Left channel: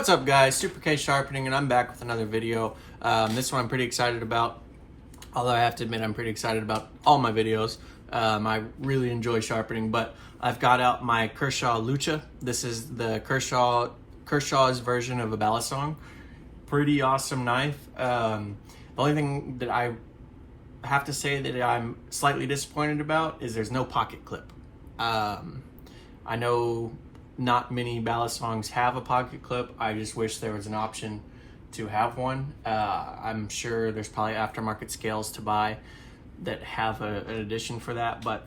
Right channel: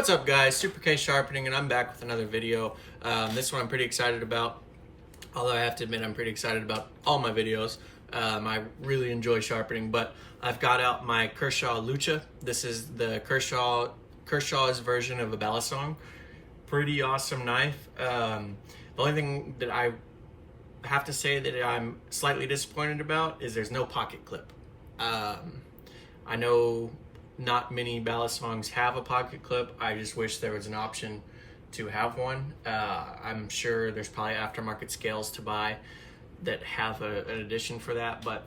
What's up, guys? Super K Sharpening, and I'm back with another video. This one I'm pretty excited about, although I have to admit I'm pretty excited about all my videos. I really enjoy sharpening, but I've got out my Kershaw Lucha. This is the Kershaw's version of a balisong. Pretty awesome knife. The only thing that I have to say that I'm slightly disappointed about is there's no pocket clip. I know not many balisongs have a pocket clip. I just wish there was an option to have one. I'm sure there's probably aftermarket scales to buy that have an addition for that, but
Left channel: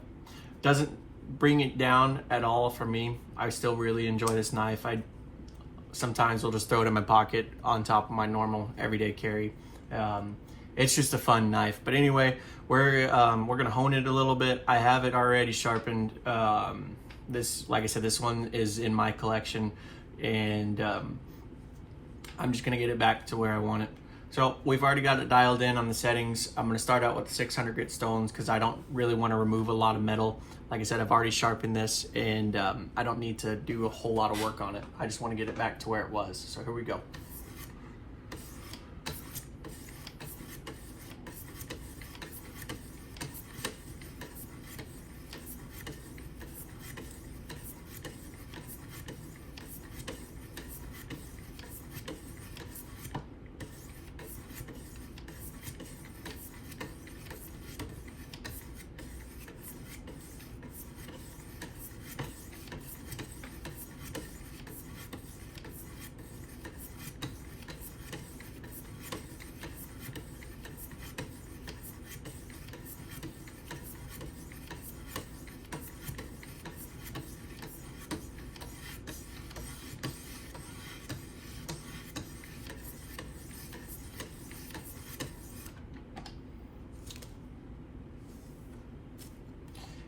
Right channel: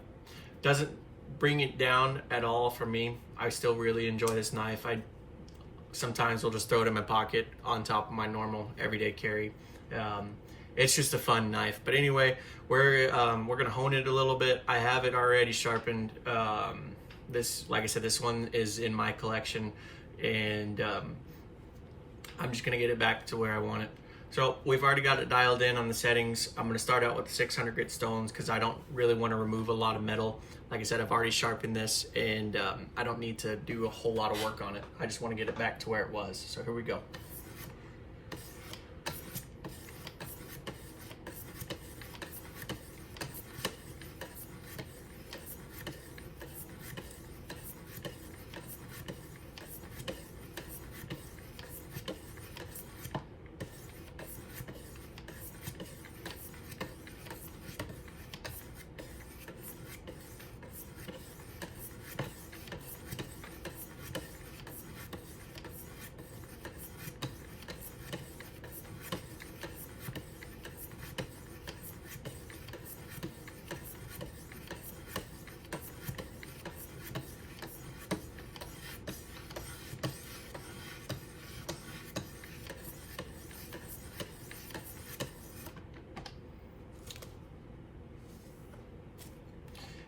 doesn't bring it down at all for me. I still really enjoy this knife. I sometimes will just throw it in my pocket on top of my normal everyday carry. It's just a fun knife. But anyway, we're gonna hone it a little bit. I have it already sharpened. This, like I said, this one is in my collection, and I'm just gonna get it back to where I want it. So we've already got it dialed in on the settings. I'm gonna start out with 600 grit stones because I don't really want to remove a lot of metal. Like I said, I've already sharpened this, and I don't need to do a whole lot of work on it. I just want to get it back to where it was. So here we go.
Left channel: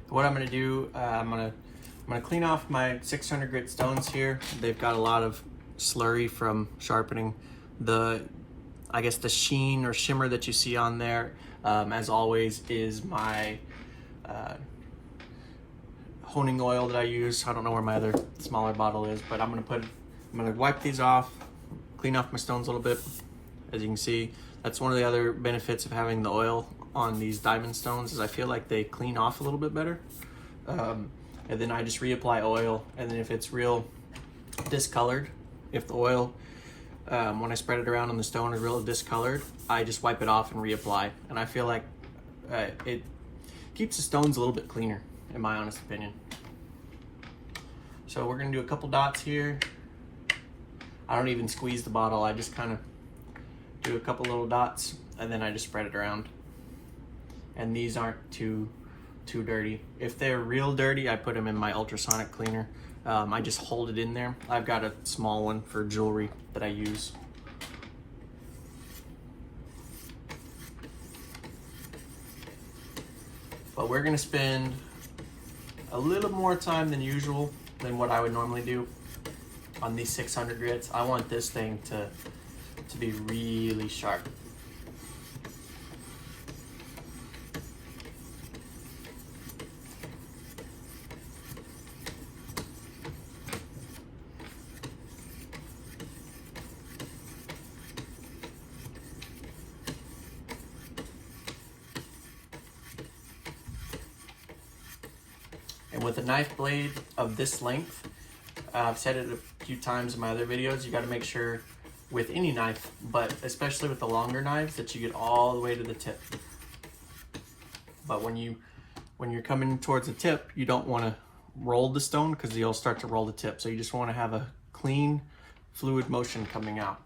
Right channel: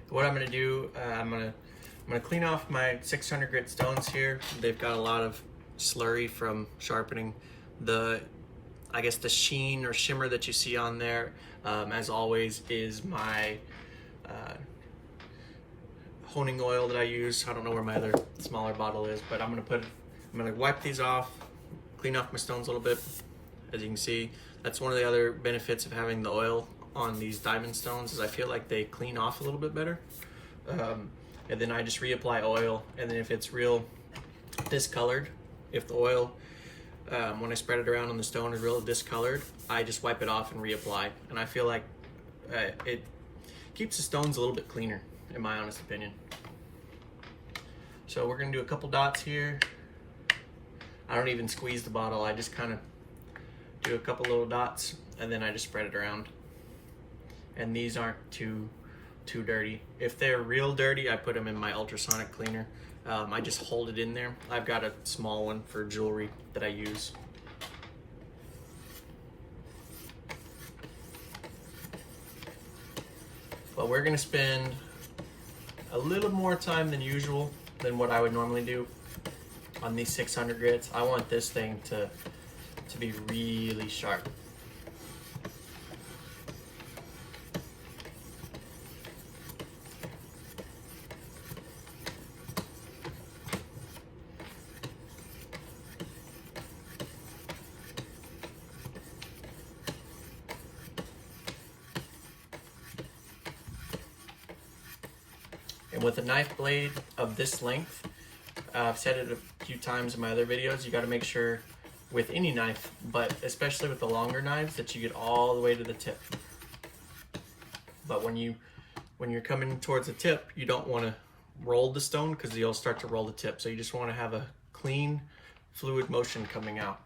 What I'm gonna do, I'm gonna clean off my 600 grit stones here. They've got a lot of slurry from sharpening. I guess the sheen or shimmer that you see on there, as always, is my honing oil that I use. I don't know where my other smaller bottle is, but I'm gonna wipe these off, clean off my stones a little bit. As you can see, that's one of the other benefits of having the oil on these diamond stones, is I feel like they clean off a little bit better. And then I just reapply oil, and then if it's real discolored, if the oil, when I spread it around on the stone, is real discolored, I just wipe it off and reapply. And I feel like it keeps the stones a little bit cleaner, in my honest opinion. So we're gonna do a couple dots here. I don't even squeeze the bottle, I just kind of do a couple little dots, and then I just spread it around. And these aren't too dirty. If they're real dirty, I put them in my ultrasonic cleaner. I just hold it in there. I've got a small one for jewelry that I use. But we're gonna spend a little more time than usual than what I would normally do on these 600 grits. I want this thing to be really sharp. And with a knife blade of this length, I've said it a few times in my other videos, you gotta make sure with any knife, but especially with the longer knives, that you get all the way to the tip. But when you're coming towards the tip, you don't wanna roll the stone because you'll start to roll the tip. So you just wanna have a clean, fluid motion coming out.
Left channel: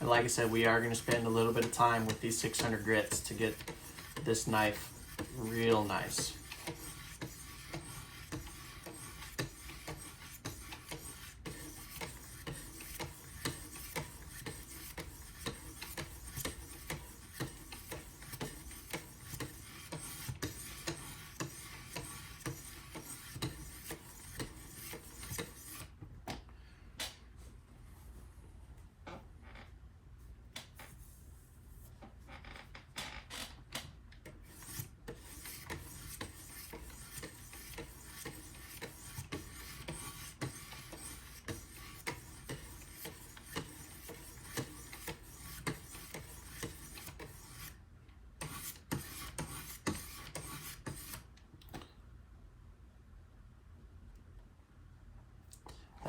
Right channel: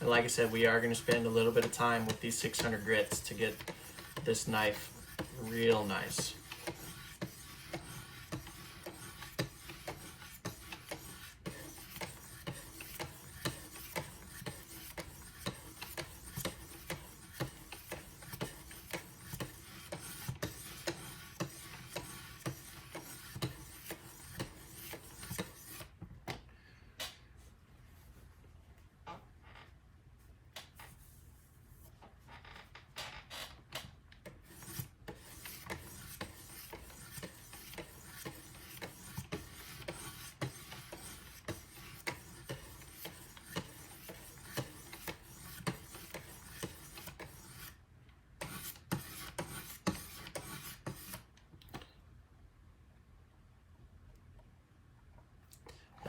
Like I said, we are going to spend a little bit of time with these 600 grits to get this knife real nice.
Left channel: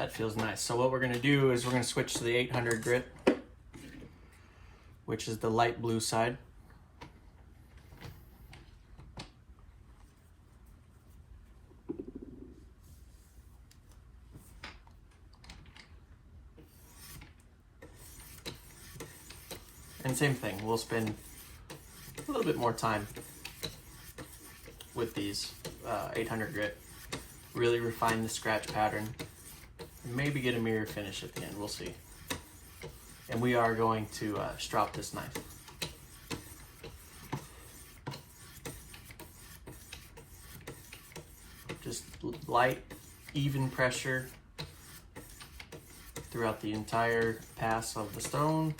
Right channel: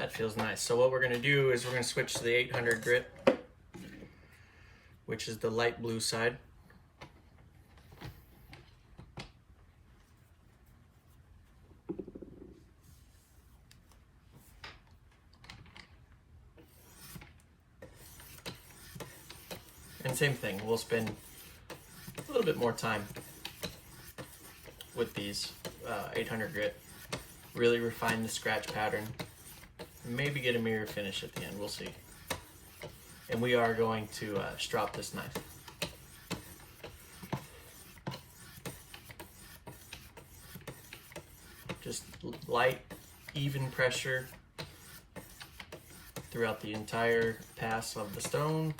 that feels nice. So what we're gonna do is we're gonna switch to the 800 grit, which is the light blue side. And same thing, we'll spend a little bit more time with these 800 grit. Really refine the scratch pattern. Maybe get a mirror finish at the end, we'll see. And we are going to strop this knife. Just light, even pressure throughout the entire pass of the stone.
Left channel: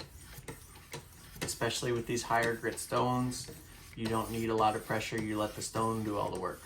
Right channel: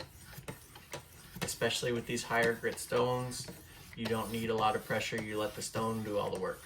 Especially with these higher grit stones, you don't need a lot of pressure, you let the stone do all the work.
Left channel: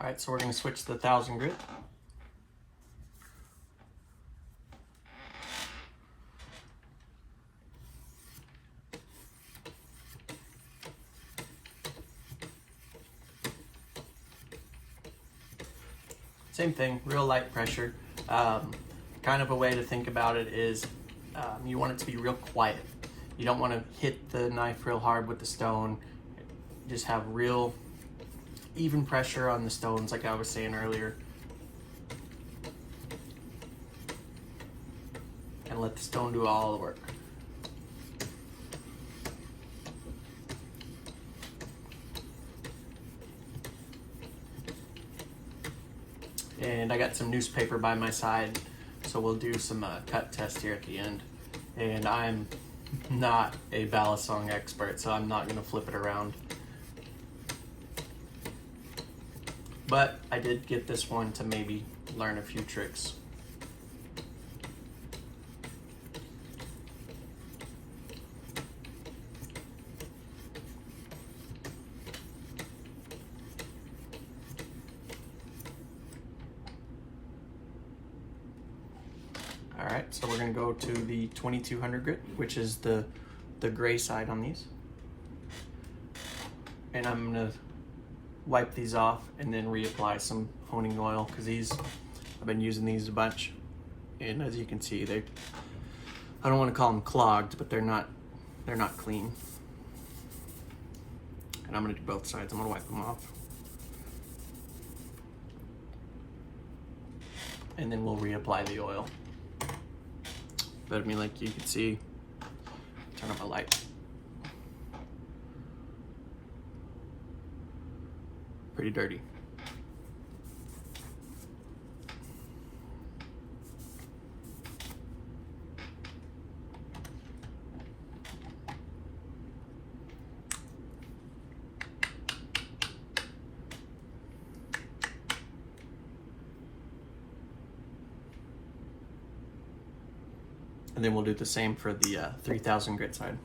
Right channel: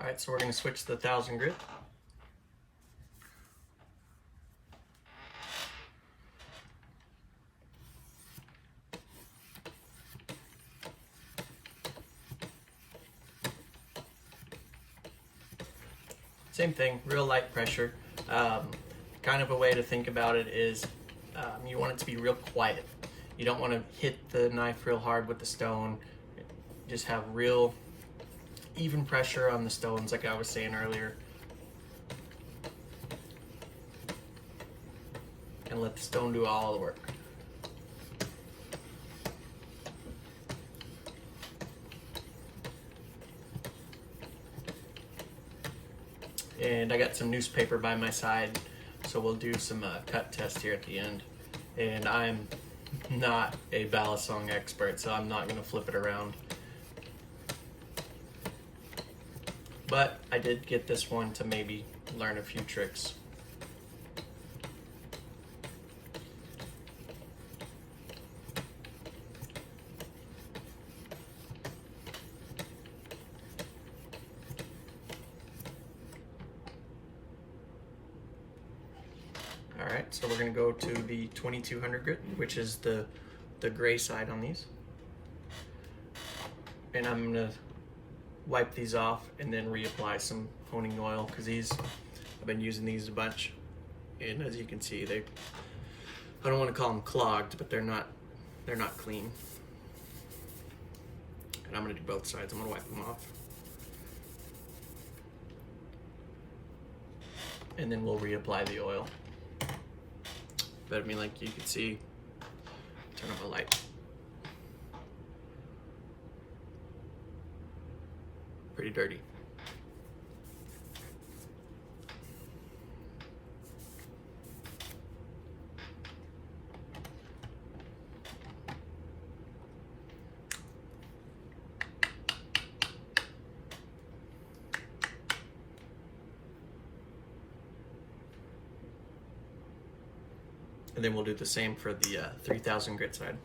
Alright, so we're going to switch to the 1000 grit. Same thing, real light pressure. Kind of a way to think about it is you want it to be real quiet. You don't want to hit the knife real hard with the stone. Just have real even pressure on the stones, like I was saying earlier. And let the stone do all the work. And I got some newspaper by my side, so we'll do some cut test here at the end. And I'm not a balisong expert, so I'm not going to flip it around. But I did get this one to maybe learn a few tricks. Alright, so we're going to go to the 2200 grit, which is the gray side on these. And I'm going to wipe these off and then reapply some honing oil, because I've been using these a bunch, and as you can see, I don't want to call them clogged, but they're not clean. And I'm going to do both sides. I'm going to wipe them off, and then we'll reapply the oil. But I mean, like you can see, turn on my light. Pretty dirty. And then we'll do the same for the 3000 grit side.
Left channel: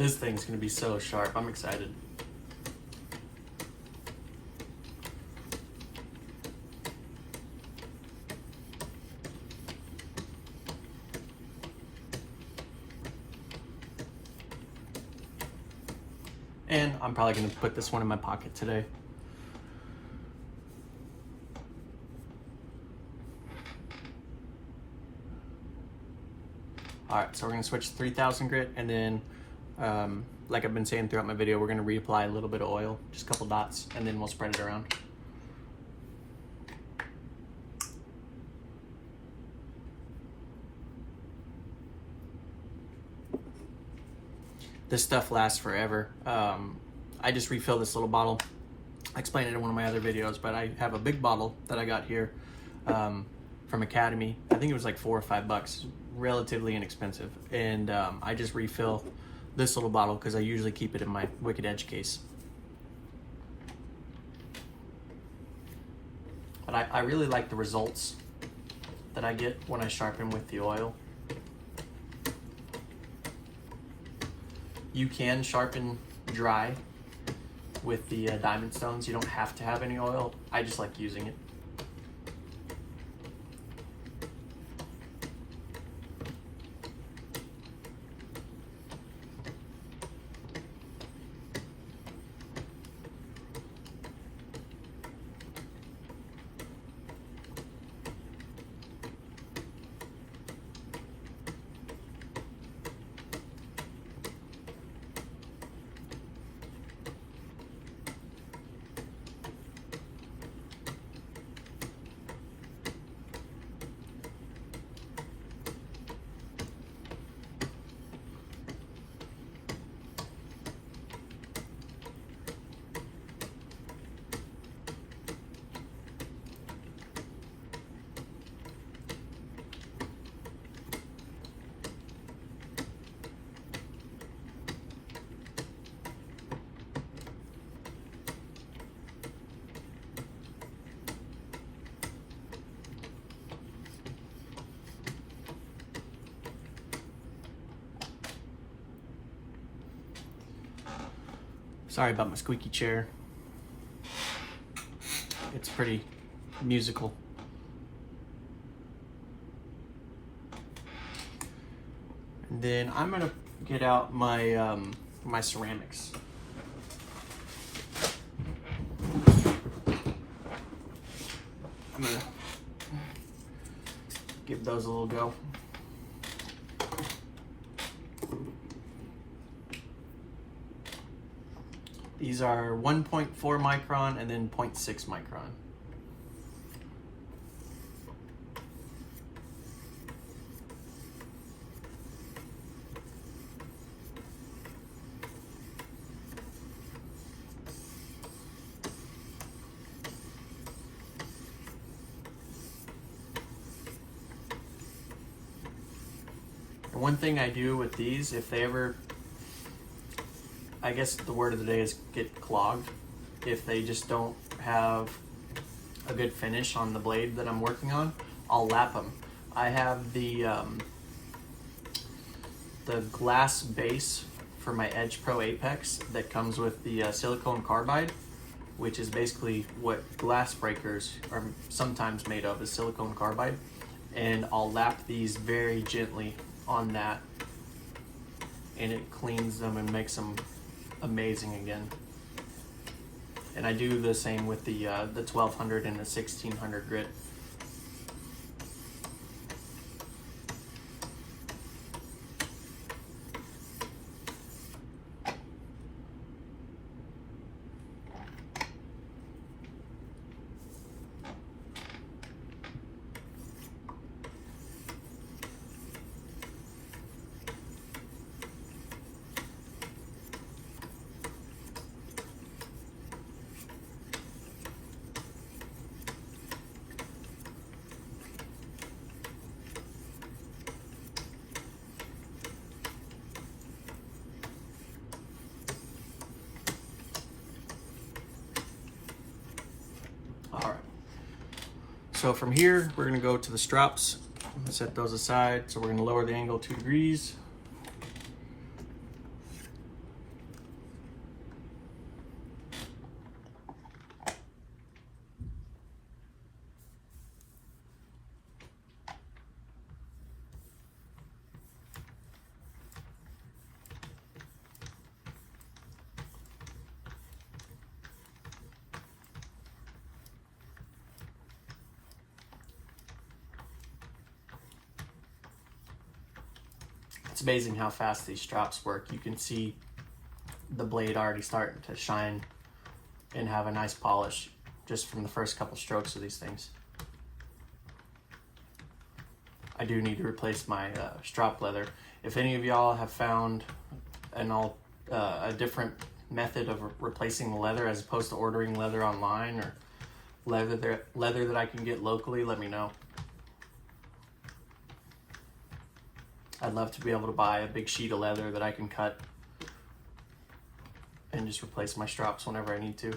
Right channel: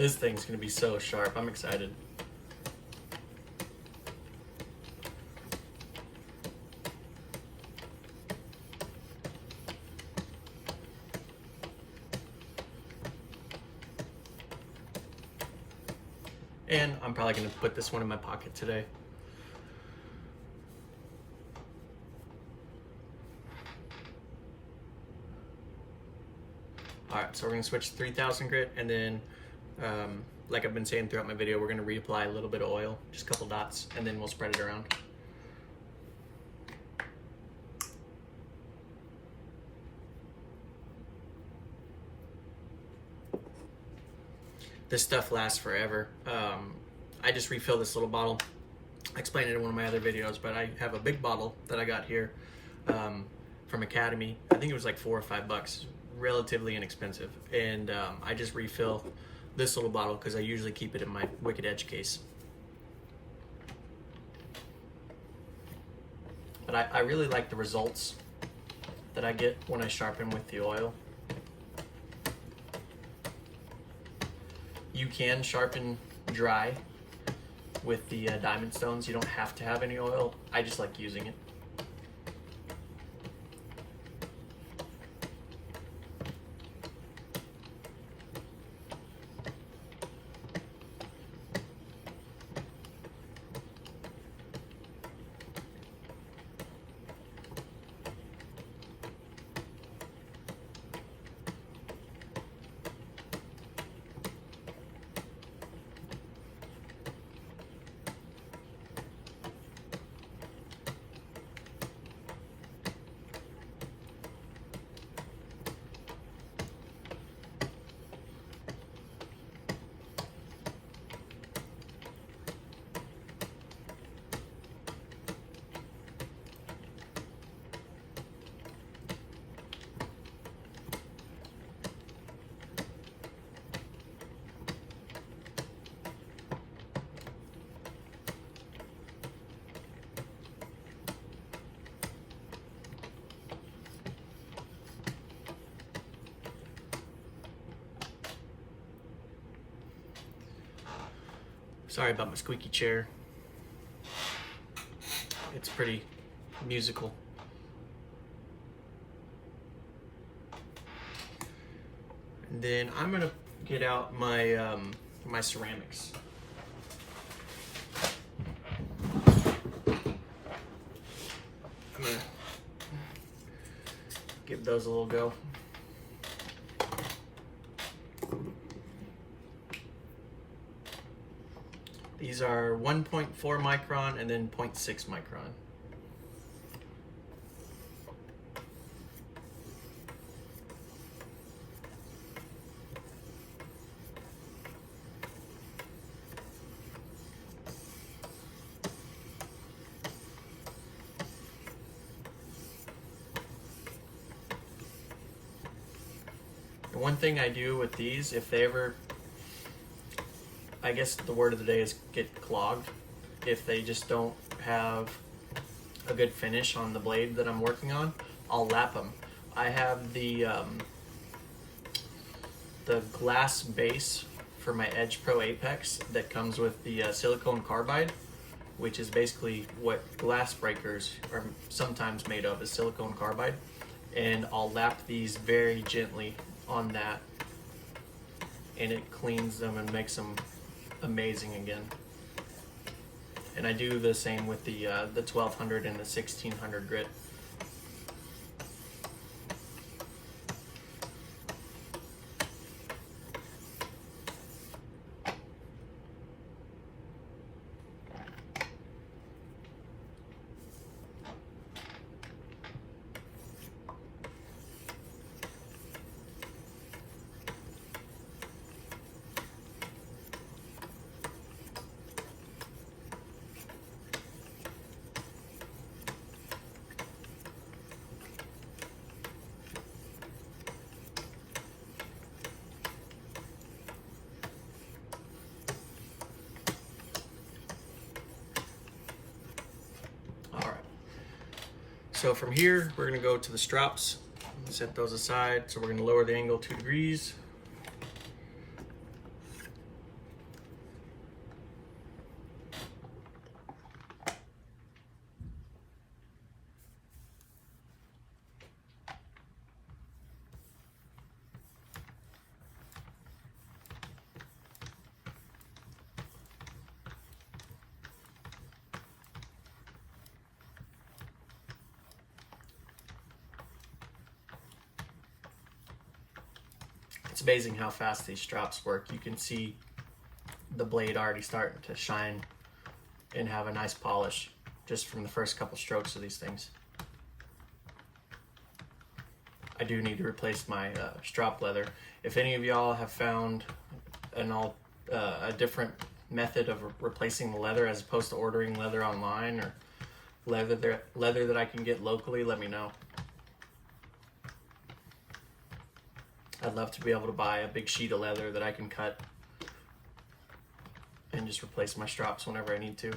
This thing's gonna be so sharp. I'm excited. And I'm probably gonna put this one in my pocket today. All right, so we're gonna switch to 3000 grit, and then like I've been saying throughout my video, we're gonna reapply a little bit of oil, just a couple dots, and then we'll spread it around. This stuff lasts forever. I just refill this little bottle. I explained it in one of my other videos, but I have a big bottle that I got here from Academy. I think it was like $4 or $5, relatively inexpensive. And I just refill this little bottle because I usually keep it in my Wicked Edge case. But I really like the results that I get when I sharpen with the oil. You can sharpen dry with the diamond stones. You don't have to have any oil. I just like using it. Sorry about my squeaky chair. It's pretty musical. And then I'm gonna get out my my ceramics. I'm gonna give those a little go. These are 1.4 micron and then 0.6 micron. The one thing I do with these, if they ever, I guess the word of the day is get clogged. If they just don't have a good finish on the blade that I'm working on, I'll lap them. I have the glass base for my Edge Pro Apex that comes with the silicone carbide, which is basically what glass breakers are sometimes made of, is silicone carbide. And I'll lap these very gently on that, and it cleans them and makes them amazing again. And I do the same with the 1200 and the 1600 grit. So from here, we're gonna go to the strops, set those aside. So we're gonna lower the angle 2 degrees. It's amazing how fast these strops work. You can see the blade already starting to shine and have a nice polish just from the first couple strokes of these things. I do need to replace my strop leather. If any of y'all have found a different method of replacing the leather as opposed to ordering leather online, or leather that I can get locally, let me know. I'd love to be able to buy a big sheet of leather that I can cut and just replace my strops whenever I need to.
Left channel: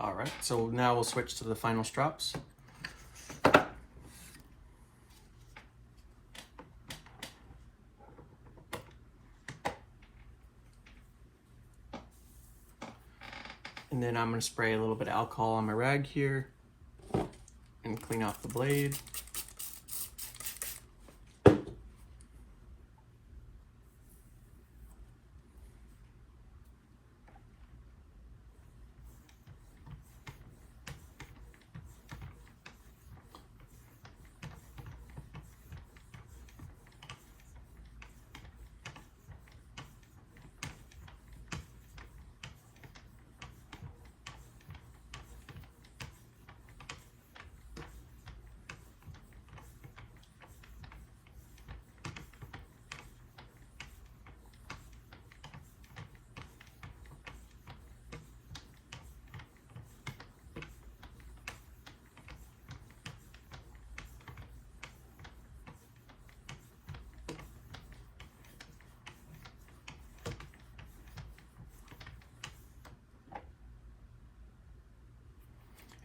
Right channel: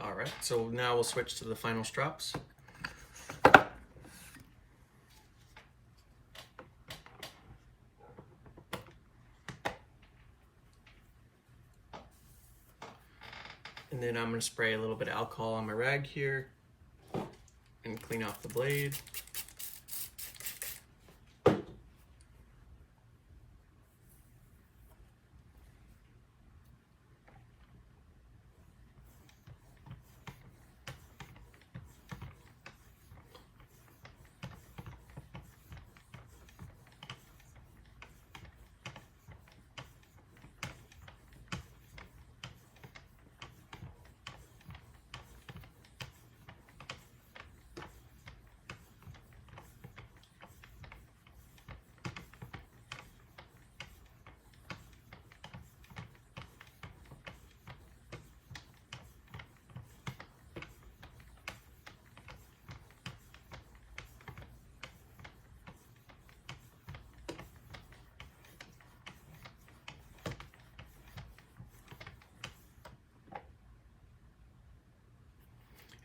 All right, so now we'll switch to the final strops. And then I'm gonna spray a little bit of alcohol on my rag here and clean off the blade.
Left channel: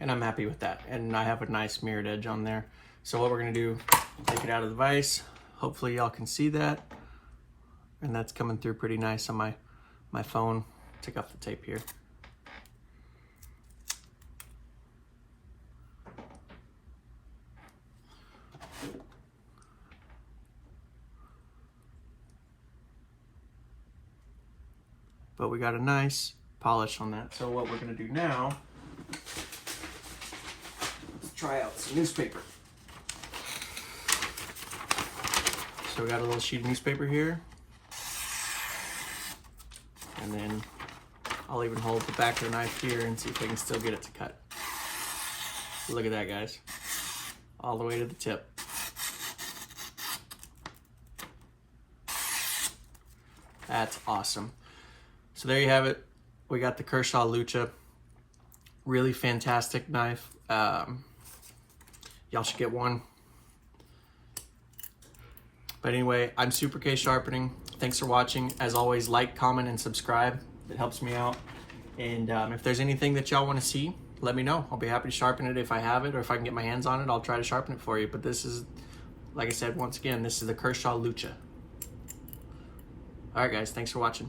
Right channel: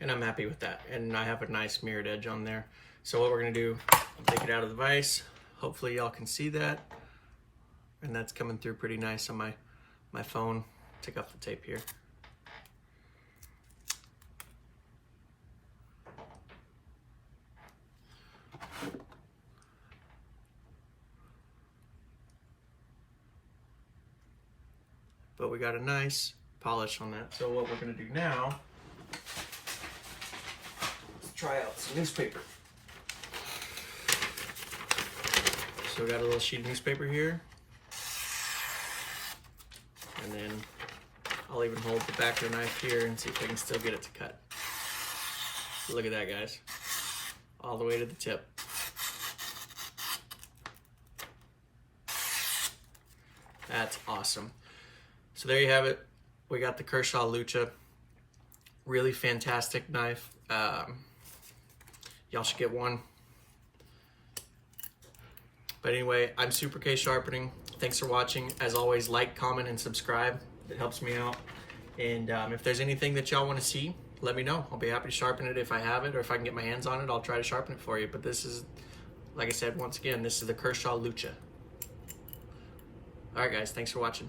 And I'm happy with that. And I have a nice mirrored edge on there. So what we're gonna do, take it out of the vise. Hopefully y'all can see that. And that's coming through pretty nice on my phone. Take off the tape here. But we got a nice polish on that. So what we're gonna do now, try out some newspaper. So we got a little sheet of newspaper here. And then I'll even hold the back of the knife here and see if I can still get it to cut. Look at that, guys. All the way to the tip. That's awesome. So there you have it. We got the Kershaw Lucha. Really fantastic knife. Y'all should get one. But anyway, I'm Super K Sharpening. Thanks for watching. As always, like, comment, and subscribe. It helps me out. And if there's anything that y'all want to see, let me know. I'll be happy to sharpen it if I have it, or if I can get my hands on it, I'll try to sharpen it for you. But this is, like I said, once again, this is the Kershaw Lucha. All right, guys, thanks for watching.